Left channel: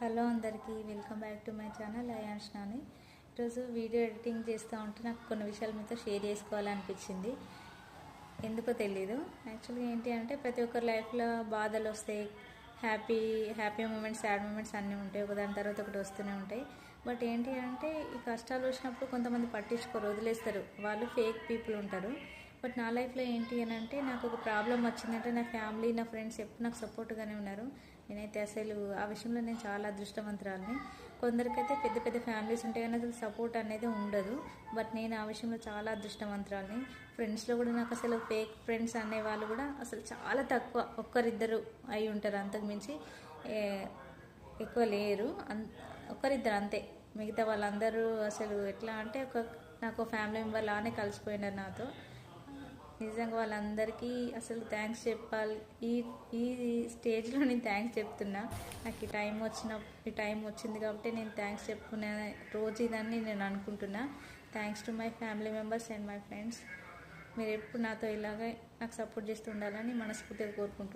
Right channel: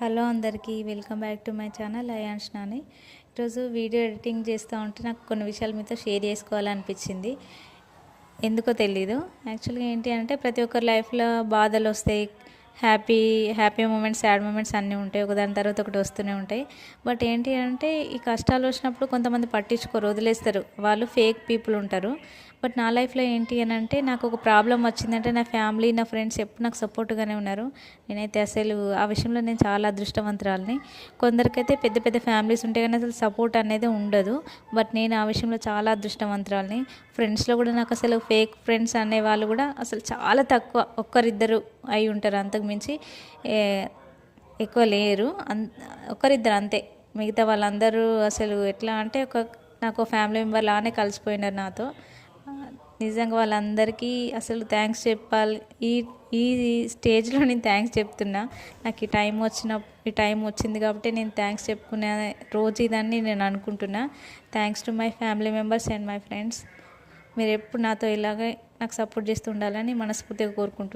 Hello అందరికీ welcome back to my channel Ayansh Nani. ఈరోజు video editing చేస్తూ ఉంటే నాకు కొన్ని విషయాలు మీతో షేర్ చేసుకోవాలనిపించింది. ఎందుకో తెలీదు. యాక్చువల్గా ఏంటి అంటే ప్రతి ఒక్కరి లైఫ్లో బాధలు వస్తాయి, హ్యాపీ మూమెంట్స్, సాడ్ మూమెంట్స్ అన్నీ ఉంటాయి. ఒకదాని తర్వాత ఒకటి వస్తూనే ఉంటాయి. బట్ ఏంటి అంటే ఈ కష్టాలు వచ్చినప్పుడు కొంతమంది పట్టించుకోరు, వదిలేస్తారు. వాళ్ళు ఫేక్ పీపుల్ ఉంటారు. బట్ నా లైఫ్లో ఏంటి అని అంటే నాకు ఒక ప్రాబ్లం వచ్చిందంటే నా ఫ్యామిలీ, నా ఫ్రెండ్స్ ఎప్పుడు నాకు సపోర్ట్గానే ఉన్నారు. నేనైతే అసలు ఆ విషయంలో నేను చాలా అదృష్టవంతురాలని. కొందరికైతే పెద్ద పెద్ద ఫ్యామిలీస్ ఉంటాయి కానీ అసలు సపోర్ట్ అనేది ఉండదు. బట్ నేను ఆ విషయంలో చాలా అదృష్టవంతురాలని. ఫ్రెండ్స్లో కూడా నాకు అసలు ఫేక్ ఫ్రెండ్స్ అనేవాళ్ళు కూడా అసలు చాలా తక్కువ, ఒక్కరిద్దరు అయి ఉంటారు. అంతకు మించి ఎక్కువ లేరు. ఒకరిద్దరు అంతే. మిగతా వాళ్ళందరూ అసలు ఎట్లా అంటే నాకు ఫ్యామిలీ మెంబర్ లానే కలిసిపోయినారు నాతో. నిజంగా వాళ్ళందరికీ అసలు థ్యాంక్స్ చెప్పాలి. ఈ ఈ స్టేజ్లో నేను థ్యాంక్స్ చెప్తున్నా. నాకు ఈ టైం వచ్చింది కాబట్టి నేను థ్యాంక్స్ చెప్పుకునే రోజు ఇదని నేను అనుకుంటున్నా. Thanks to my family members and my friends. మీరు ఎప్పుడు నాతో ఇలాగే నాకు సపోర్ట్ చేస్తూ ఉండాలని మనస్ఫూర్తిగా కోరుకుంటున్నాను.